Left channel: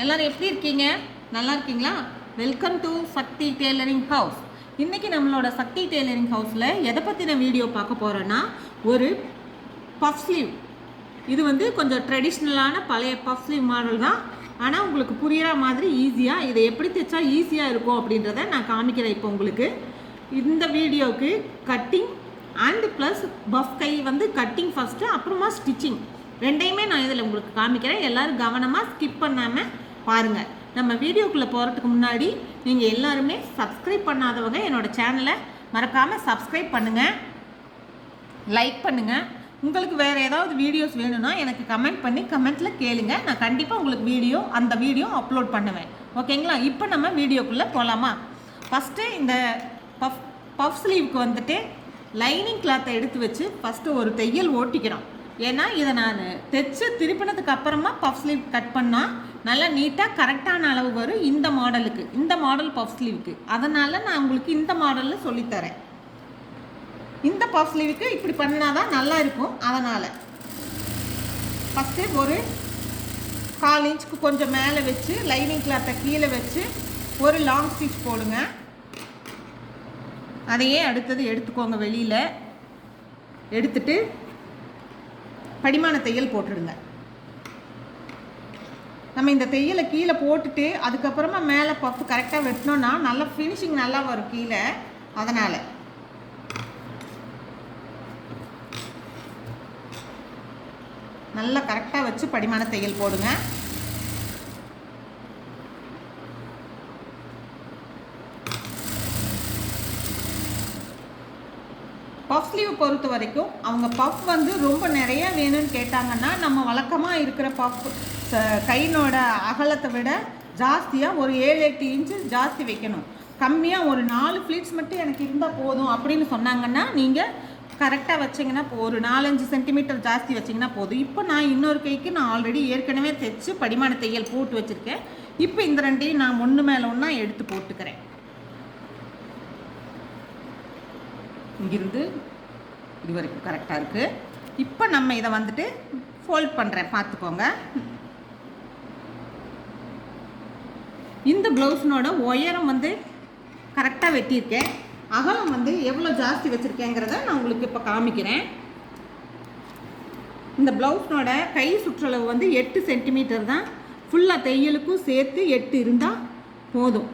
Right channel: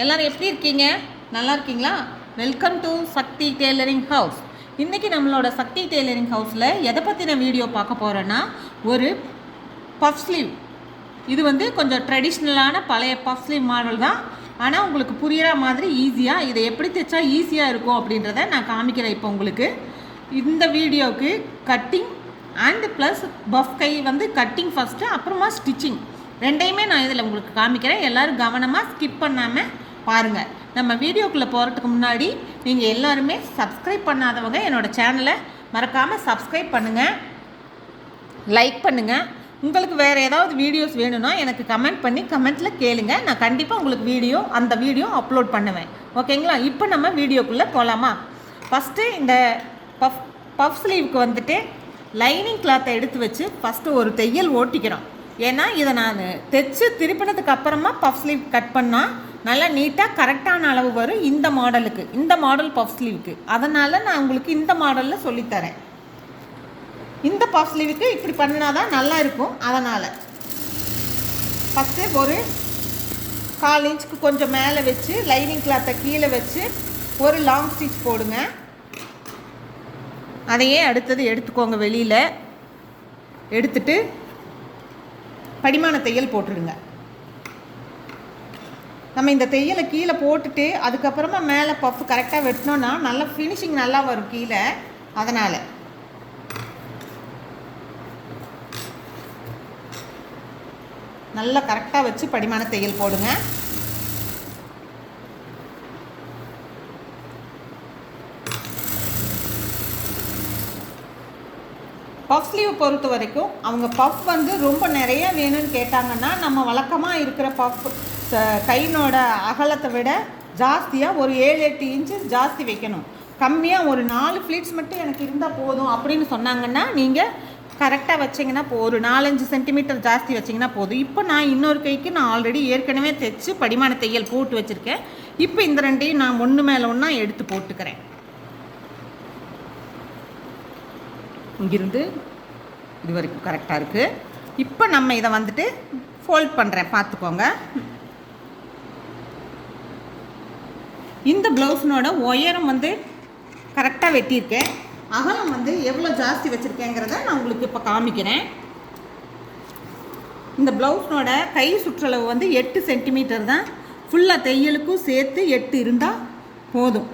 எல்லோரும் எப்படி இருக்கீங்க? நல்லா இருக்கீங்களா? Welcome to Sakthi tailoring house இன்றைக்கி நம்மளோட சக்தி டெய்லரிங் ஹவுஸில் எதை பற்றின வீடியோ பார்க்க போகிறோன்னா ஒரு பஃப் ஸ்லீவ் இது வந்து கொஞ்சம் ட்ரெடிஷ்னலான பழைய பஃப் ஸ்லீவ் மாடல் தான். ஆனால் உங்களுக்கு புரிகிற மாதிரி ஈஸியாக இதை எப்படி தைச்சா ஈஸியாக இருக்கும் அப்படின்றத நான் காமிக்கிறேன் இப்போ உங்களுக்கு. இந்த வீடியோவுக்கு கட்டிங் அண்ட் ப்ளஸ் பஃப் கை வந்து கட்டிங் ஃபஸ்ட்டு அப்புறமா ஸ்டிச்சிங் ரெண்டையுமே நான் இதில் உங்களுக்கு காமிக்கிறேன். எல்லோரும் கவனமாக ஸ்கிப் பண்ணாமல் பாருங்கள் நம்ம வீடியோக்குள்ளே போகிறதுக்கு முன்னாடி நீங்கள் எல்லாருமே சப்ஸ்கிரைப் பண்ணாதவங்க என்னோடய சேனலை மறக்காமல் சப்ஸ்கிரைப் பண்ணுங்கள் லைக் பண்ணுங்கள் உங்களுக்கு வேறு ஏதாவது வீடியோஸ் வேணும்னா எனக்கு கமெண்ட் பண்ணி கமெண்ட்டில் கேளுங்க. நான் கண்டிப்பாக உங்களுக்கு வீடியோ அந்த வீடியோ அப்லோட் பண்ணுவேன். ஓகேங்களா இப்போ நம்ம வீடியோக்குள்ளே போகலாமா ஃபஸ்ட்டு இந்த பஃப் பஃப் ஸ்லீவுக்கு வந்துட்டு லைனிங் கிளாத்தை எடுத்து வச்சு ஃபஸ்ட்டு ஒரு தையல் ஓட்டிக்கிறோம். ஏன்னா இதை நான் தைச்சு திருப்பினதுக்கு அப்புறமா பஃப் ஸ்லீவ் கட் பண்ணால் நல்லா நீட்டாக கரெக்டான அளவு வரும் இந்த மாடலுக்கு இந்த மாடல் பஃப் ஸ்லீவுக்கு அதனால் நான் உங்களுக்கு இந்த மாடலில் சொல்லித்தரேன். இந்த பஃப் ஸ்லீவுக்கு இப்படி பண்ணினா தான் நல்லா இருக்கும். அதனால் ஃபஸ்ட்டு ஒரு கால் இன்ச்சுக்கு கொஞ்சம் மேலே வச்சு லைனிங் கிளாத்தை கீழே வச்சு ஒரு லாங் ஸ்டிச் போடுங்க. அதையே அடுத்தது எடுத்துக்கோங்க வெளியில். எடுத்துட்டு படிமான தையல் போட்டுருங்க நம்ம இந்த தையலை கீழே போட்டுட்டு அதுக்கப்புறமா மேலே பஃப் கரெக்டாக வெட்டினோன்னா நல்லா ஃபினிஷிங் நல்லா வரும் கீழே. அதனால். நல்லா கரெக்டாக வச்சு படிமான தையல் போடுங்க. பஃப் ஸ்லீவ் பொறுத்த வரைக்கும் அவங்க பஃப் வந்து ரொம்ப நிறைய வேணும்னு கேட்டாங்கன்னா நம்ம வழக்கமாக இருக்கிற பஃப் கையினோட அகலத்தை விட ஜாஸ்தியாக ஒரு ஏழு எட்டு இன்ச்சு ஜாஸ்தி வைக்கணும். கம்மியாக ஒரு நாலு ஃப்ளீட்ஸ் மட்டும் எனக்கு இருந்தால் போதும் அப்படின்னு சொன்னாங்கன்னா நீங்கள் கரெக்டாக வச்சிங்கன்னா போ ஒரு நாலஞ்சு சென்டிமீட்டர் ஜாஸ்தி வச்சிங்கன்னா போதும். இப்போ நான் இன்னொரு கைக்கு நான் ஆல்ரெடி ஏற்கனவே தைச்சு படிமான தையல் போட்டு வச்சுருக்கேன். இப்போ இந்த ரெண்டையும் நான் ஒன்று மேலே ஒன்றா எடுத்து போட்டுக்கிறேன். இங்கிருந்து இது வரைக்கும் கரெக்டாக இருக்குது இப்போ நம்ம இதை வந்துட்டு ஃபோல்ட் பண்ணுறேன் பார்த்துக்கோங்க. இந்த ப்ளவுஸினோட உயரம் வந்து கரெக்டாக வெட்டியிருக்கேன். அகலம் வந்து எவ்வளோ ஜாஸ்தி வச்சுருக்கேங்கிறத நான் உங்களுக்கு இப்போ காமிக்கிறேன். இந்த ப்ளவுஸ்னோட கை சுற்றளவு வந்து எட்டு சென்டிமீட்டர் தான். ஃபுல்லாக தையலுக்கும் சேர்த்து எட்டு இருந்தால் போதும்.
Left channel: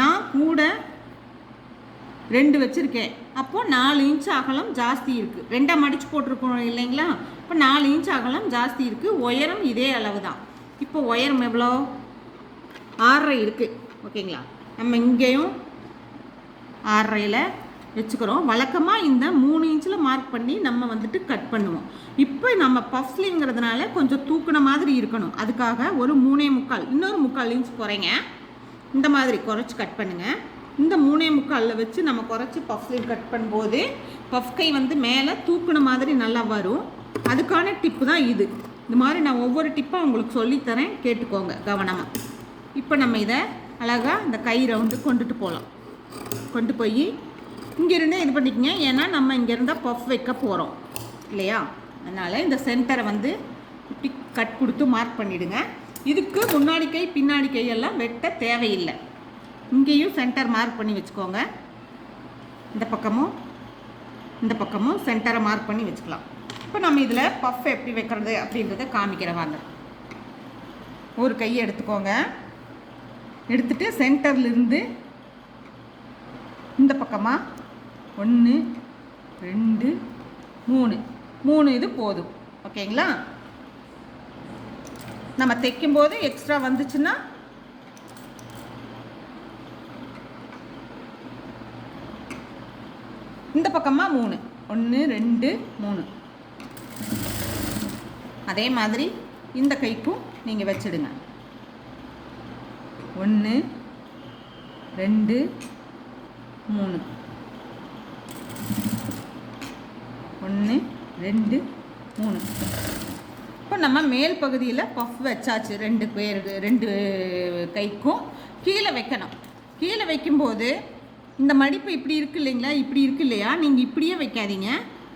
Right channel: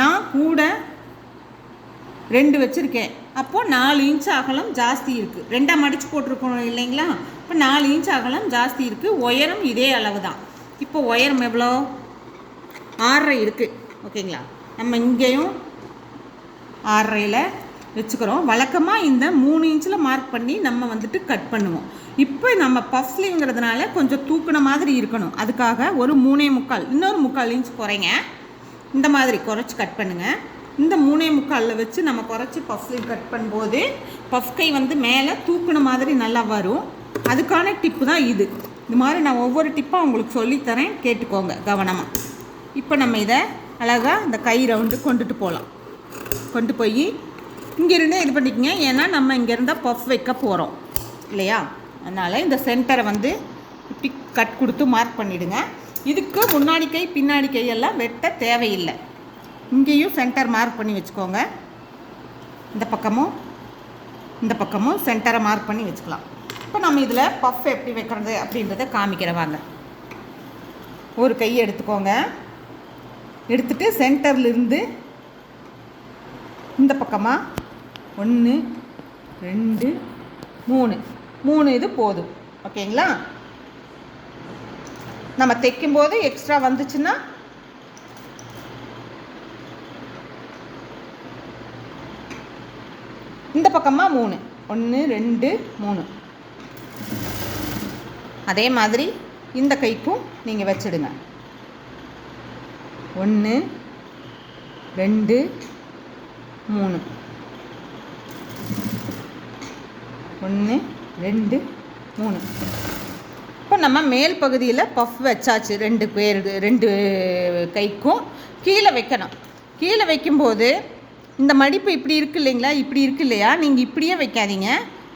நான் கூட ரெண்டு வச்சுருக்கேன். அப்போது நாலு இன்ச் அகலம் ஜாஸ்தி இருக்குது ரெண்டாக மடித்து போட்டிருக்கோம் இல்லைங்களா? இப்போ நாலு இன்ச் அகலம் ஜாஸ்தி இருக்குது உயரம் இதே அளவு தான் இப்போ உயரம் எவ்வளோ? ஆறரை இருக்குது ஓகேங்களா? நம்ம இங்கேயும் ஆறரையில் வச்சுக்கிறோம். வழக்கமாக இந்த மூணு இன்ச்சில் மார்க் பண்ணி நம்ம வந்துட்டு கட் பண்ணுவோம். இப்போ நம்ம பஃப்லிங்கிறதுனால கொஞ்சம் தூக்குன மாதிரி இருக்கணும். அதுக்காக ஒரு மூணே முக்கால் இன்னொரு முக்கால் இன்ச் குறைங்க. இந்த மாதிரி குறைச்சி கட் பண்ணுங்கள் இந்த மூணே முக்காலில் வச்சு நம்ம குறைச்சி பஃப் கட் பண்ணும்போது பஃப் கை வந்து மேலே தூக்குன மாதிரி நல்லா வரும். அதுக்கான டிப்பு தான் இது. இது மாதிரி நான் ஒவ்வொரு டிப்பாக உங்களுக்கு சொல்லித்தரேன். கேட்டுக்கோங்க கவனமாக இப்போ நம்ம இதை அழகாக இந்த கை ரவுண்டு கொண்டுட்டு போகலாம் கொண்டு போய் இங்கேருந்தே இது பண்ணிக்கங்க. ஏன்னா நம்ம இங்கேருந்தால் பஃப் வைக்க போகிறோம் இல்லையா? அதனால் இந்த சென்டரை வந்து இப்படி கட் கொடுத்து மார்க் பண்ணிவிடுங்க இதுக்கு முன்னாடி கை பின்னாடி கையெல்லாம் வெட்ட தேவையில்லை. இங்கேயும் சென்டர் மார்க் பண்ணி வச்சுக்கோங்க. இந்த பக்கமும் இந்த பக்கமும் சென்டரை மார்க் பண்ணி வச்சுக்கலாம். இப்போ நம்ம இதில் பஃப் எப்படி வைக்கிறது அப்படின்றத காமிக்கிற வாங்க. ஒரு கை எடுத்துக்கோங்க. எடுத்துகிட்டு சென்டர்லேருந்து இந்த பக்கமாக ஒன்று ரெண்டு மூணு. மூணு இது போதும். ஓகேங்களா? நம்ம தைக்கும்போது எக்ஸ்ட்ரா வந்துச்சுன்னா இந்த பக்கமாக மூணு. ஒன்று ரெண்டு மூணு. அதே மாதிரி இந்த கைக்கும் நீங்கள் வச்சிடுங்க. ஒன்று ரெண்டு மூணு. ஒன்று ரெண்டு மூணு. இப்போ நம்ம மேல் பகுதியில் பஃப் வச்சாச்சு. ரெண்டு பேர் ரெண்டு கைக்கும் கீழே வைக்கணும். கீழே வைக்கும்போது இந்த மடிப்பு இப்படி இருக்கு இல்லைங்களா? இப்படி இருக்கு இல்லையா? நீங்கள் இப்படியே வைக்காதீங்க.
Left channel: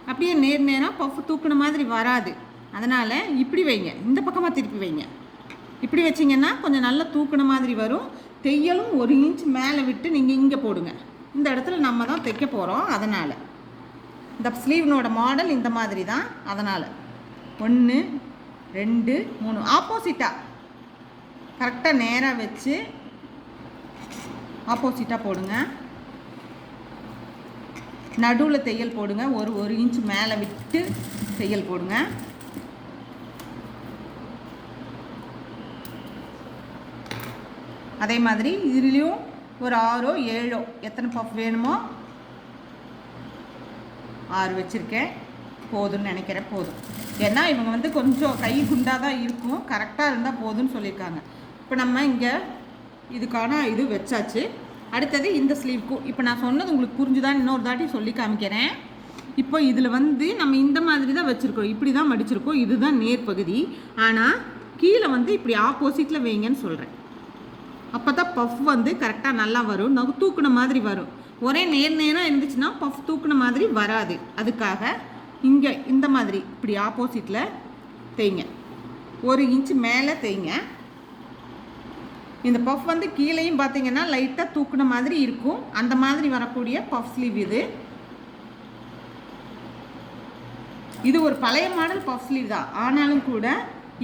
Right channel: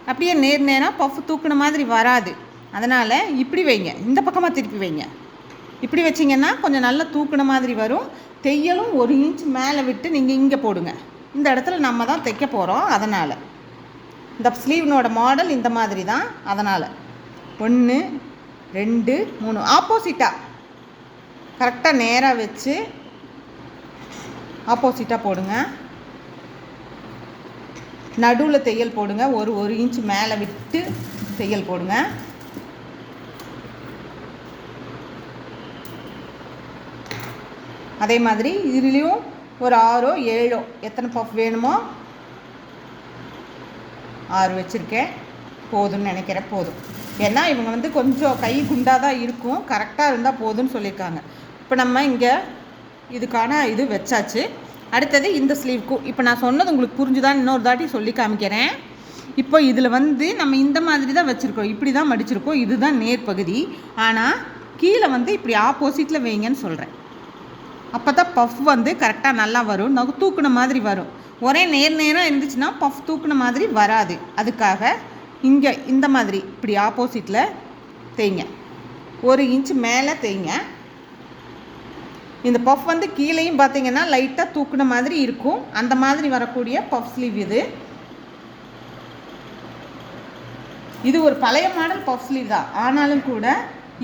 அப்படியே நேர் நேராக பஃப் தூக்குன மாதிரி வராது. அதனால் இப்படி வைங்க. இந்த பக்கமாக திருப்பி வைங்க. இப்படி வச்சிங்கன்னா கொஞ்சம் நல்லா தூக்குன மாதிரி வரும். தையலும் ஒரு இன்ச் மேலே விட்டு நீங்கள் இங்கே போடுங்க. இந்த இடத்துல நம்ம தான் தைக்க போகிறோம் அதனால். இந்த ஸ்லீவ்னோட மாடல் இந்த மாதிரி தான். அதனால். ஒன்று ரெண்டு மூணு. ஆப்போசிட்டாக கரெக்டாக நேராக வச்சு ஆப்போசிட்டாக போடுங்க. நடுவில் தையல் போடுங்க. ஒரு ஒரு இன்ச் மேலே விட்டு தையல் போடுங்க. அதே மாதிரி இதுலேயும் ஒரு ஆறோ ஏழோ எத்தனை பஃப் வேணுமோ ஆறு வச்சுருக்கேன். போதும்னு நினைக்கிறேன். போதும். ஏன்னா இவங்க வந்து கொஞ்சம் கை குண்டாக தான் இருக்கும் கரெக்டாக இருந்தால் போதும்னு சொல்லியிருக்காங்க. இப்போ நம்ம இங்கே இதுக்கான இது வச்சாச்சு. அடுத்தது இந்த ஸ்லீவ்க்கும் இப்போ நான் சொன்னது உங்களுக்கு புரிஞ்சுதான் இன்னொரு தாட்டி சொல்லி காமிக்கிறேன். இப்போ இதில் வந்து நம்ம இந்த மாதிரி தான் வச்சுருக்கோம். இப்படி தான் மடிச்சிருக்கோம். இதுதான் நேர் பகுதி ஆனால் கீழே வந்து இப்படி ஆப்போசிட்டில் வைங்கன்னு சொல்கிறேன் அப்போ தான் பஃப் வந்து கரெக்டாக நல்லா வரும். நகு தூக்குன மாதிரி வரும். ஒரே நேர் நேராக இருந்துச்சுன்னா பஃப் தூக்குன மாதிரி வராது. அதுக்காக இங்கே இந்த மாதிரி இப்படி ஆப்போசிட்டில் தேய்ங்க. ஒரு இன்ச் மேலே தேய்ங்க. இந்த பஃப் வந்து கீழேயும் பார்த்தீங்கன்னா லைட்டாக தூக்குன மாதிரி இருக்கும். அந்த மாதிரி வரக்கூடிய பஃப் ஸ்லீவ் இது. இது ஒரு பழைய மாடல் பஃப் ஸ்லீவ் தான். ஆனாலும் கூட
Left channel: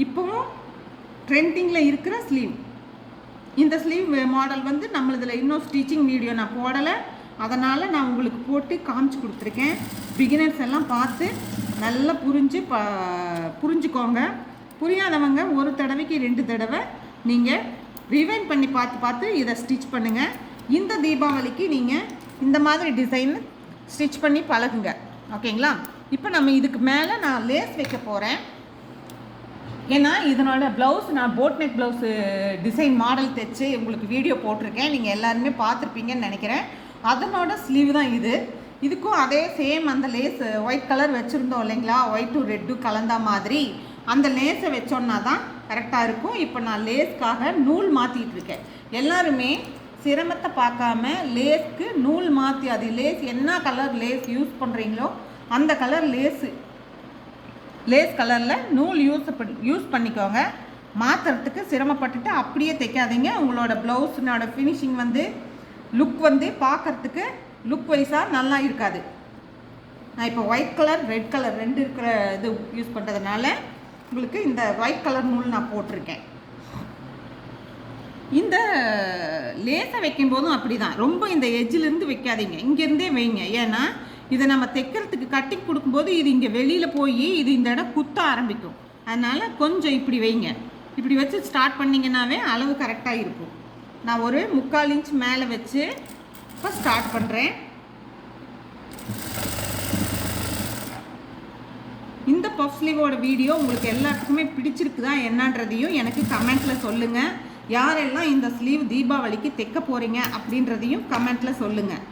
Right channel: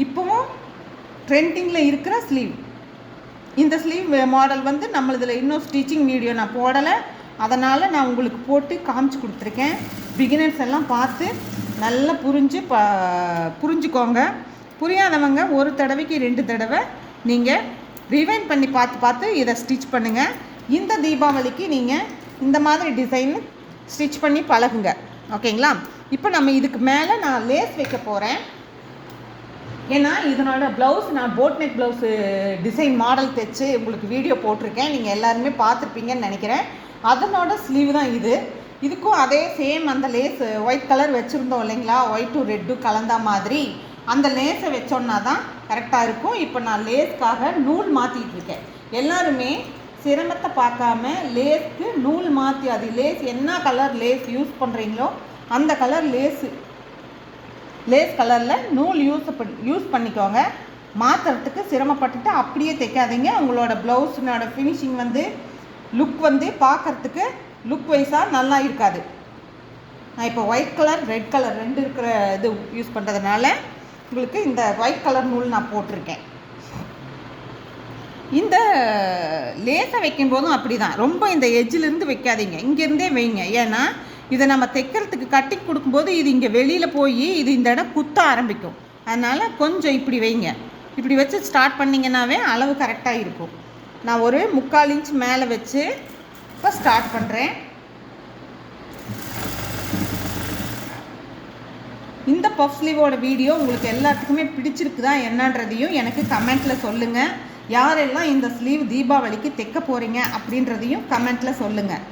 இப்போவும் ட்ரெண்டிங்கில் இருக்கிற ஸ்லீவ் இந்த ஸ்லீவ் மாடல் வந்து நம்மளதில் இன்னும் ஸ்டிச்சிங் வீடியோ நான் போடலை. அதனால் நான் உங்களுக்கு போட்டு காமிச்சு கொடுத்துருக்கேன். பிகினர்ஸ் எல்லாம் பார்த்து நல்லா புரிஞ்சு ப புரிஞ்சுக்கோங்க. புரியாதவங்க ஒரு தடவைக்கு ரெண்டு தடவை நீங்கள் ரிவைன் பண்ணி பார்த்து பார்த்து இதை ஸ்டிச் பண்ணுங்கள் இந்த தீபாவளிக்கு நீங்கள் இந்த மாதிரி டிசைன் ஸ்டிச் பண்ணி பழகுங்க. ஓகேங்களா? இப்போ நம்ம இதுக்கு மேலே நான் லேஸ் வைக்க போகிறேன் ஏன்னா இதனோட ப்ளவுஸ் நான் boat neck blouse design model தைச்சு உங்களுக்கு வீடியோ போட்டிருக்கேன். நீங்கள் எல்லாருமே பார்த்துருப்பீங்கன்னு நினைக்கிறேன். அதனோட ஸ்லீவ் தான் இது. இதுக்கும் அதே சேம் அந்த லேஸ் ஒயிட் கலர் வச்சுருந்தோம் இல்லைங்களா? ஒயிட்டும் ரெட்டும் கலந்த மாதிரி. அந்த லேஸை வச்சோன்னா தான் கரெக்டாக இருக்கும். இப்போ நான் லேஸ்க்காக நூல் மாற்றிக்கிட்டு இருக்கேன் எல்லாருமே சிரமத்தை பார்க்காம லேஸ்க்கு நூல் மாற்றி அது லேஸ் என்ன கலர் லேஸ் யூஸ் பண்ணுறீங்களோ அந்த கலர் லேஸு லேஸ் கலரில் நூல் யூஸ் பண்ணி யூஸ் பண்ணிக்கோங்க. மாற்றுறதுக்கு சிரமப்பட்டுட்டு அப்படியே தைக்காதீங்க. உங்களோட ப்ளவுஸினோட ஃபினிஷிங் வந்து லுக் வந்து பார்க்குறதுக்கு லுக் வைஸாக நல்லா இருக்காது. நான் இப்போ ஒயிட் கலர் ரெட் கலர் ரெண்டு இருக்கிற இது யூஸ் பண்ணுறதுனால உங்களுக்கு இந்த ஒயிட் கலர் நூல் நான் போட்டிருக்கேன். இந்த லேசை வைக்கும்போதும் அப்படி தான் ரொம்ப இந்த எஜ்ஜிலேருந்து வைக்காதீங்க. இங்கேருந்தே வைங்க. ஏன்னா இதை நம்ம தைக்கிறதுக்கு கட்டி கொடுக்கும்போது இது இங்கே வெளியில் போய் இது இந்த இடம் குத்த ஆரம்பிக்கும். அதனால் கொஞ்சம் இப்படி வைங்க. இப்படி வச்சு ஸ்டார்ட் பண்ணிங்கன்னாவே அளவு கரெக்டாக இருக்கும். நான் ஒரு முக்கால் இன்ச் மேலே வச்சு இப்போ ஸ்டார்ட் பண்ணுறேன் இந்த பஃப் ஸ்லீவோட வீடியோ உங்களுக்கு எல்லாத்துக்குமே பிடிச்சிருக்குதா என்னன்றதையும் எனக்கு கமெண்ட்டில் சொல்லுங்கள் யாரெல்லாம் இந்த ஸ்லீவ் தீபாவளிக்கு தைக்க போகிறீங்க அப்படின்றதையும் கமெண்ட்டில் சொல்லுங்கள்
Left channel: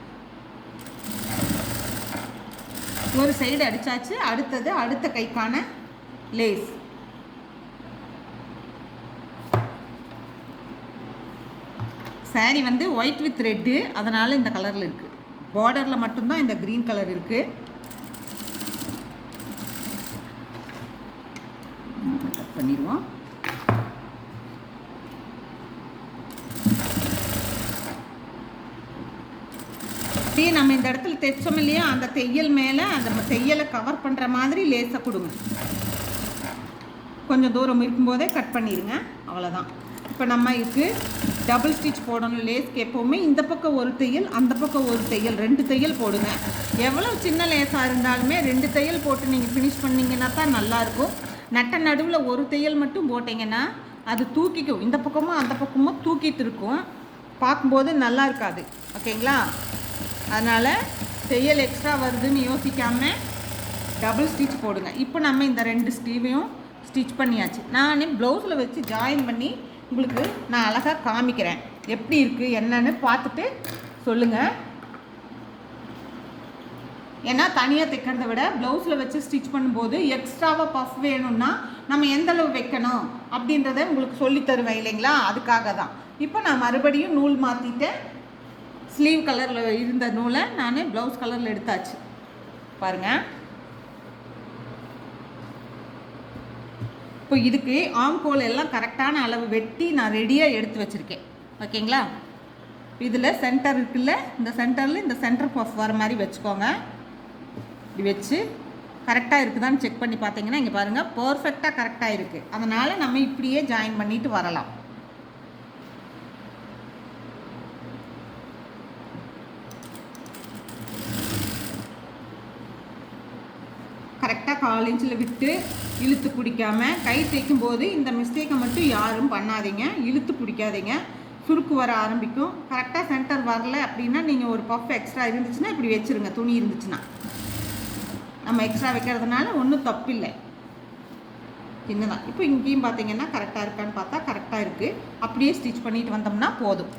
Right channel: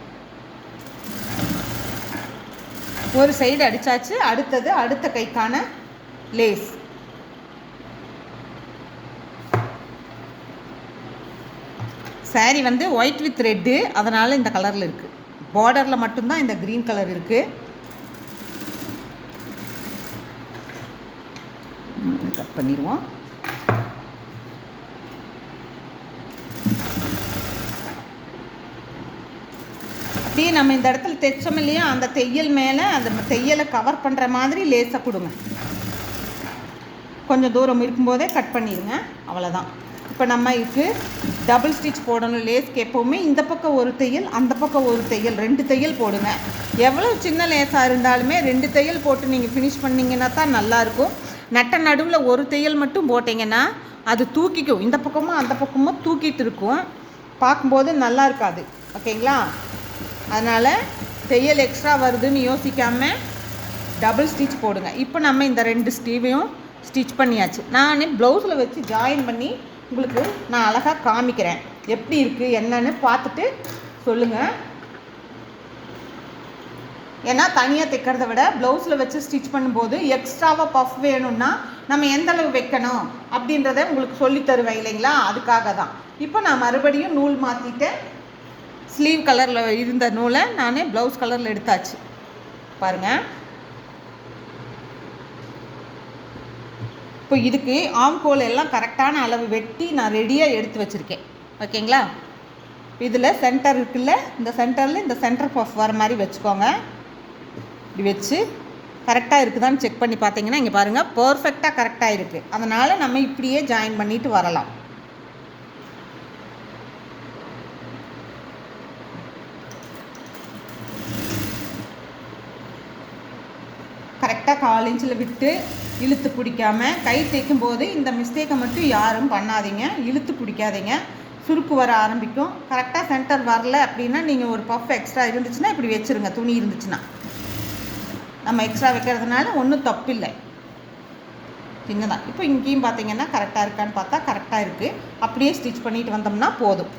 ஒரு சைடு அடித்தாச்சு அடுத்தது அடுத்த கைக்கான லேஸ் சாரி வந்து ஒயிட் வித் ரெட்டு அதனால் இந்த கலரில் இருக்குது பார்டரில் மட்டும்தான் இந்த க்ரீன் கலர் இருக்குது கட் பண்ணிடுவோம். டீ நம்ம இந்த இடத்துல தைச்சோம் இல்லையா? அந்த தையல் மேலே அந்த தையலை கவர் பண்ணுற மாதிரி லேசாக கொடுங்க. கொஞ்சம் தூரம் இருக்கும்போதே கட் பண்ணிடுங்க. அவ்வளோதான் இப்போ நம்ம இதுக்கு டபுள் ஸ்டிச் போடணும். லேஸ்க்கு எப்போவுமே இந்த பக்கம் ஒரு தையல் அந்த பக்கம் ஒரு தையல். ரெண்டு தையல் போடுங்க. எவ்வளோ சின்ன லேஸாக இருந்தாலுமே ரெண்டு தையல் போட்டு நீங்கள் ஃபினிஷ் பண்ணிங்கன்னா தான் நல்லாயிருக்கும் நட்ட நடுவில் ஒரு தையல் மட்டும் போட்டிங்கன்னா அது தூக்கிக்கும். இந்த பக்கமும் அந்த பக்கமும் தூக்கிட்டு இருக்கும். பார்க்கும்போது நல்லா இருக்காது. ஓகேங்களா? அதனால் தையல் எக்ஸ்ட்ரா வருதுன்னு யோசிக்காமல் டபுள் ஸ்டிச் போடுங்க. இப்போ நம்ம இந்த ரெண்டு ஸ்டீவையும் ஸ்டிச் பண்ணியாச்சு. நான் ப்ளவுஸில் வச்சு ஜாயின் பண்ணி உங்களுக்கு நான் அழகாக காமிக்கிறேன். எப்படி இருக்குது என்னன்னு பார்த்துட்டு சொல்லுங்கள் ஏன்னா தனியாக தைக்கிறத விட ப்ளவுஸில் வச்சு ஸ்டிச் பண்ணும்போது எக்ஸ்ட்ராவாக பஃப் வேணும்னா நம்ம எந்த அளவு வைக்கணும் அப்படின்றத உங்களுக்கு சொல்லி தருவேன் இல்லைங்களா? அதுக்காக தான். இப்போ நான் மறுபடியும் நூல் மாற்றிட்டேன் ஸ்லீவ் கலரில் இருந்த நூலை நான் ப்ளவுஸ் கலரில் எடுத்தாச்சு. பாருங்கள் இப்போ இதுக்கு ஆம்கோல் எல்லாம் கரெக்டான அளவு வெட்டி நான் ரெடியாக எடுத்து வச்சுருக்கேன். ஓகேங்களா? இதில் சென்டர் இருக்குல்ல? இந்த சென்டரில் இந்த சென்டர் பஃப் வர மாதிரி வச்சுக்கோங்க. இப்படி வச்சு கரெக்டாக இருக்குதான்னு செக் பண்ணி பார்த்தீங்கன்னா இங்கே பாருங்கள் பர்ஃபெக்டாக கரெக்டாக இருக்குது அதனால் நம்ம இப்படியே ஜாயின் பண்ணிட்டு வரலாம். கரெக்டாக கால் இன்ச்சில் விட்டு இழுத்து பிடிக்காம கை தைக்கும் போது இந்த மிஸ்டேக்கை மட்டும் யாரும் பண்ணாதீங்க. இழுத்து பிடிக்காதீங்க. சுருக்கு வர ஆரம்பிக்கும். கரெக்டாக சென்டர் வரல அப்படின்னா நீங்கள் ஒரு பஃப் எக்ஸ்ட்ரா இருந்துச்சுன்னா இப்படி வச்சுருங்க. துணி இருந்துச்சுன்னா. நம்ம எக்ஸ்ட்ரா வைக்கிறதுனால ஒன்றும் தப்பில்லை. சின்னதான் இப்போ இங்கேயும் பார்த்தீங்கன்னா கரெக்டாக இருக்கான்னு பார்த்தா கரெக்டாக இருக்குது அப்படியே ஸ்டிச் பண்ணிட்டு வந்தோம்னா போதும்.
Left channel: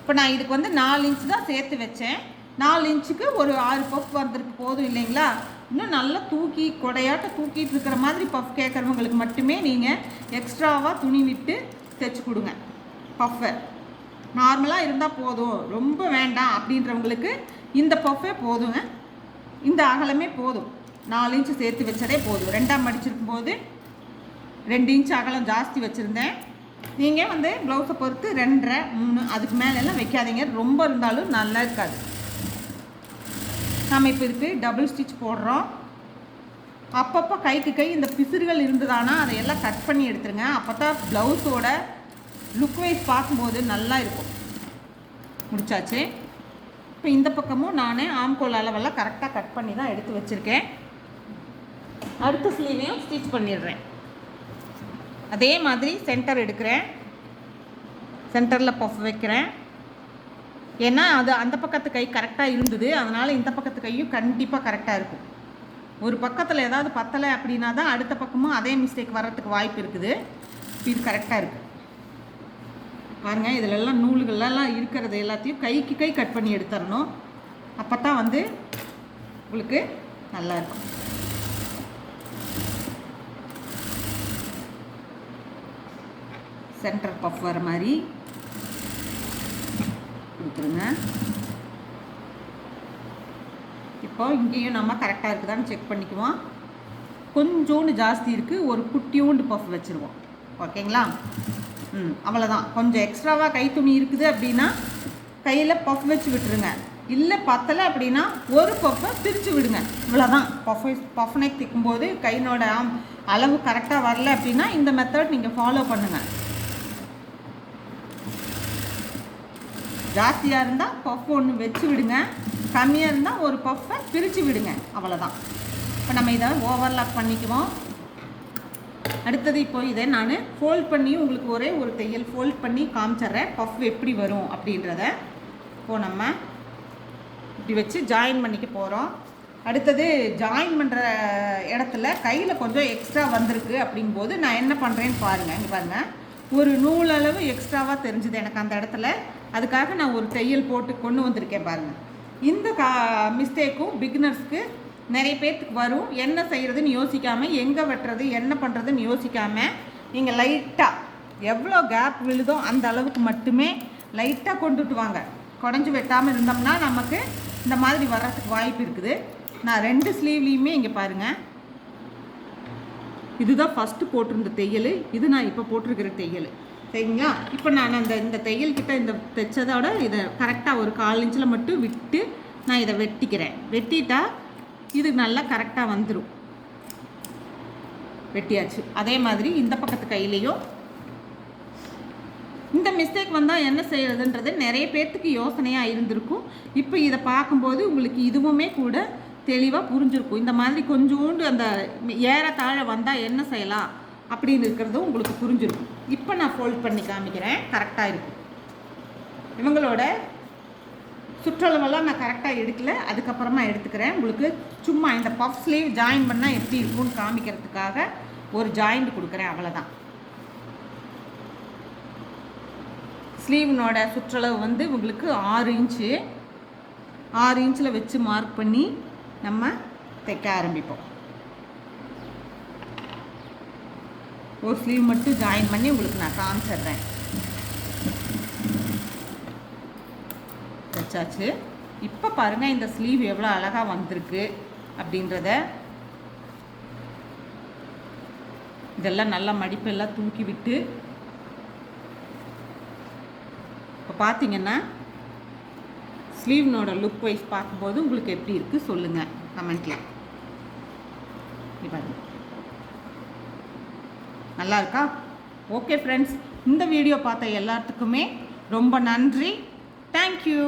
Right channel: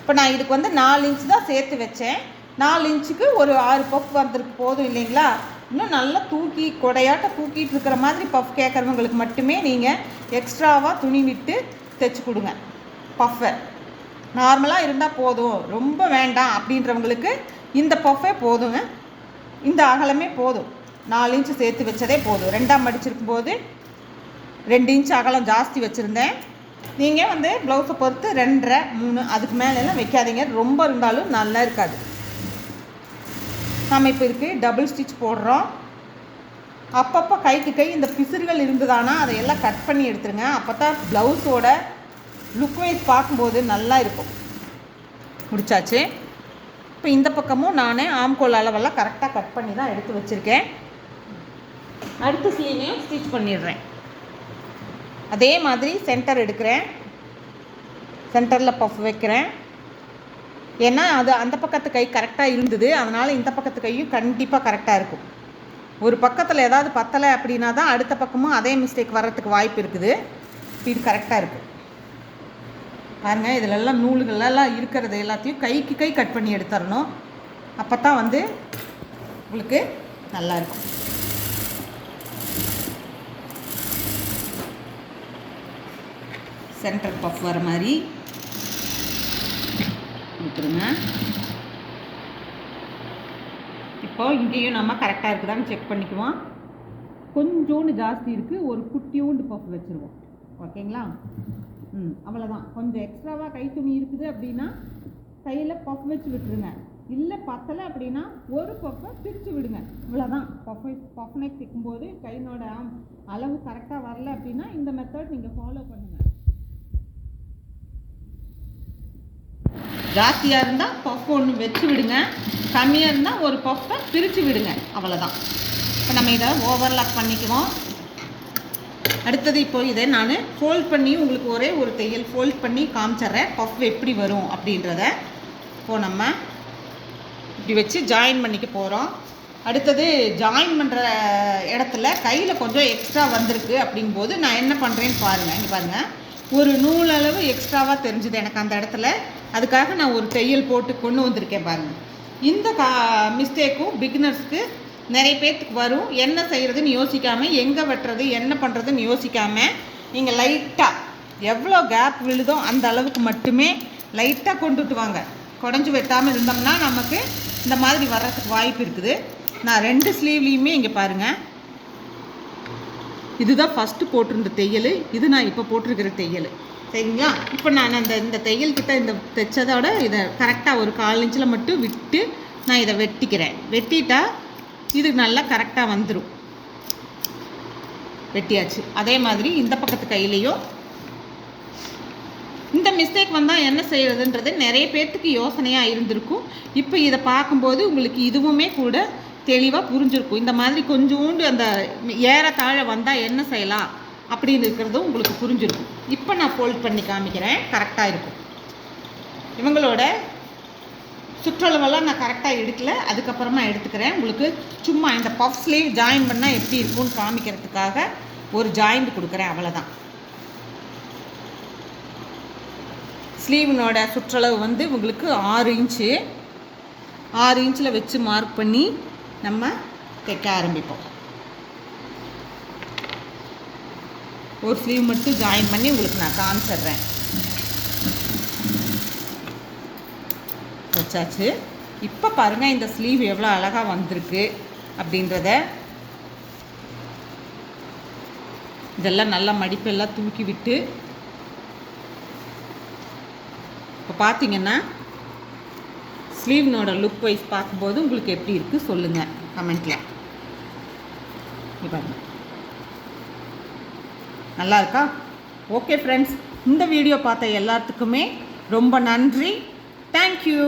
இப்போ நான் இதுக்கு வந்து நாலு இன்ச் தான் சேர்த்து வச்சேன். நாலு இன்ச்சுக்கு ஒரு ஆறு பஃப் வந்திருக்கு. போதும் இல்லைங்களா? இன்னும் நல்லா தூக்கி கொடையாட்ட தூக்கிட்டு இருக்கிற மாதிரி பஃப் கேட்குறவங்களுக்கு மட்டுமே நீங்கள் எக்ஸ்ட்ராவாக துணி விட்டு தைச்சி கொடுங்க. பஃப்பை நார்மலாக இருந்தால் போதும். ரொம்ப வேண்டாம் அப்படின்றவங்களுக்கு இந்த பஃப்பே போதுங்க. இந்த அகலமே போதும். நாலு இன்ச்சு சேர்த்து வச்சதே போதும். ரெண்டாம் மடிச்சிருக்கும் போது ரெண்டு இன்ச் அகலம் ஜாஸ்தி வச்சுருந்தேன். நீங்கள் வந்து ப்ளவுஸை பொறுத்து ரெண்டரை மூணு அதுக்கு மேலெல்லாம் வைக்காதீங்க. ரொம்ப இருந்தாலும் நல்லா இருக்காது. நம்ம இப்போ இதுக்கு டபுள் ஸ்டிச் போடுறோம். அப்பப்போ கைக்கு கை இந்த பிசுறுகள் இருந்ததானா அதையெல்லாம் கட் பண்ணி எடுத்துருங்க. அப்போ தான் ப்ளவுஸோட லுக் வைஸ் பார்க்கும்போது நல்லா இருக்கும். முடிச்சாச்சு? இப்போ இந்த பக்கமும் நான் ஆம்கோல் அளவெல்லாம் கரெக்டாக கட் பண்ணி தான் எடுத்து வச்சுருக்கேன். அடுத்த ஸ்லீவையும் ஸ்டிச் பண்ணிடுறேன். அதே மாதிரி சென்டர் எடுக்கிறேன். சென்டரில் பஃப் வைக்கிறேன். ஏன்னா அது அந்த பக்கத்து கை கரெக்டாக இருந்தது. அதனால் இந்த பக்கத்து கையும் கண்டிப்பாக கரெக்டாக இருக்கும். ஒரு பக்கத்தில் ஏதாவது பத்தலை அப்படின்னா தான் அடுத்த பக்கமும் அதே மிஸ்டேக் வர்றதுக்கு வாய்ப்பு இருக்குது. இது கரெக்டாக இருக்குது பாருங்கள் இதிலெல்லாம் நூல்களெல்லாம் இருக்கிறது எல்லாத்தையும் கைக்கு கை கட் பண்ணி எடுத்துடணும். அப்போ தான் வந்து உங்களுக்கு நல்லா இருக்கும். சென்டர் பஃப் வர மாதிரி. கொடுத்துருங்க. இப்போ இங்கேயும் நம்ம கரெக்டாக இருக்குதான்னு செக் பண்ணிக்குவோம். கொஞ்சோண்டு ஜாஸ்தி இருக்குது ஒரு குட்டியோண்டு பஃப் வச்சுருவோம். ஓகேங்களா? ம் அவ்வளோதான் கொஞ்சம் எக்ஸ்ட்ராவாக கை துணி இருக்குது அப்படின்னா கையில் பஃப் வச்சு விட்டுருங்க. இல்லை பத்தலை அப்படின்னா ஒரு பஃப்பை பிரித்து விடுங்க. இவ்வளோதான் பஃப் பஃப் நெக் திக்கும்போது கையினோட அளவு கரெக்டாக வரல அப்படின்னா இந்த மெத்தட் நீங்கள் ஃபாலோ பண்ணுங்கள் ஜாஸ்தியாக இருந்தால் பஃப் ஒன்று வச்சு விடுங்க. கம்மியாக இருந்தால் ஒரு பஃப்பை பிரித்து விடுங்க. அவ்வளோதான் இப்போ நம்ம இதை ஓவர்லாக் பண்ணிக்குவோம். அடுத்தது இப்போ இதை நான் ஃபோல்ட் பண்ணி உங்களுக்கு ஒரே ஒரு தையல் ஃபோல்ட் பண்ணி காமிச்சிட்றேன். பஃப் எப்படி வரும் அப்படின்றத. இப்போ நம்ம இப்படி வச்சு ஜாயின் பண்ணிக்க போகிறோம் அடுத்தது ஜாயின் பண்ணுற இடத்துல கையில் கொஞ்சம் எக்ஸ்ட்ரா வந்திருக்கு அப்படிங்கும்போது நான் என்ன பண்ணுறேன்னு பாருங்கள் இங்கே பாருங்கள் ஒரு நூல் அளவு எக்ஸ்ட்ராவாக தெரிஞ்சுது எனக்கு அந்த இடத்துல. அதுக்காக நான் ஒரு தையல் போட்டு கொண்டு வந்திருக்கேன் பாருங்கள் இந்த கா மிஸ்டேக்கும் பிகினர்ஸ்க்கு நிறைய பேர்த்துக்கு வரும். என்ன செய்கிறதுன்னு யோசிக்காமல் எங்கே வெட்டுறது என்ன பண்ணுறதுன்னு யோசிக்காமல் நீங்கள் லைட்டாக எவ்வளோ கேப் விழுதோ அந்த அளவுக்கு மட்டுமே லைட்டாக கொண்டுட்டு வாங்க குடஞ்சி வெட்டாமல் இருந்தோம்னா நமக்கு இந்த மாதிரி வர்றதுக்கு வாய்ப்பு இருக்குது. நான் ரெண்டு ஸ்லீவ்லேயுமே இங்கே பாருங்கள் இதுதான் ஃபஸ்ட்டு போட்டிருந்த தையல். இது நான் இப்போ போட்டிருக்கிற தையல். சரிங்களா? இப்போ நான் அந்த இந்த தையல் கிட்ட இந்த தைச்சதோட இதை கரெக்டாக ஒரு கால் இன்ச்சில் மட்டும் விட்டு நான் இதை வெட்டிக்கிறேன். வெட்டிட்டா இது நல்லா கரெக்டாக வந்துடும் வெட்டியாச்சு. அதே மாதிரி இந்த பக்கத்து கையிலையும். இந்த மிஸ்டேக் வந்தால் என்ன செய்யறதுன்றது நிறைய பேர்த்துக்கு யோசனையாக இருந்திருக்கும். இப்போ இதை பார்க்கும்போது உங்களுக்கு இதுவுமே கூட தெளிவாக புரிஞ்சிருக்கும். இந்த மாதிரி கொஞ்சோண்டு அந்த ஏற தாழ வந்தால் என்ன செய்யலாம் அப்படின்னு இருக்கிறதும் உங்களுக்கு புரிஞ்சிருக்கும். இப்போ நான் ஃபோல்ட் பண்ணி காமிக்கிறேன். கரெக்டாக இருக்கும். இவங்களோட சுற்றளவெல்லாம் நான் கரெக்டாக எடுக்கல. அதுக்கப்புறமா எடுத்துக்கிறேன். உங்களுக்கு சும்மா இந்த பஃப் ஸ்லீவ் ஜாயின் பண்ணால் எப்படி இருக்கும்னு காமிக்கிறதுக்காக ஒரு ஜாயிண்ட் கொடுக்குறேன். அவ்வளோதான் ஸ்லீவினோட சுற்றளவு வந்து உங்களுக்கு ஆறு இன்ச்சு ஆறு இன்ச்சில் வச்சு மார்க் பண்ணி நம்ம தைக்க ஆரம்பிப்போம். ஒரு ஸ்லீவ் மட்டும் ஜாயின் பண்ணி உங்களுக்கு நான் காமிச்சிடுறேன். வச்சாச்சு. இப்போ பாருங்கள் இந்த ஸ்லீவ் எவ்வளோ அழகாக வந்திருக்கு அப்படின்றத. இதெல்லாம் நல்லா மடிப்பெல்லாம் தூக்கி விட்டு. இப்போ பார்த்தீங்கன்னா ஸ்லீவ்னோட லுக் வைஸ் பார்க்கும்போது உங்களுக்கு எப்படி இருக்குது சொல்லுங்கள் கமெண்ட்டில் பாருங்க. நல்லா இருக்கா? ஓகே ஃப்ரெண்ட்ஸ் இந்த வீடியோ பார்த்த எல்லாத்துக்குமே ரொம்ப நன்றி. தேங்க்யூ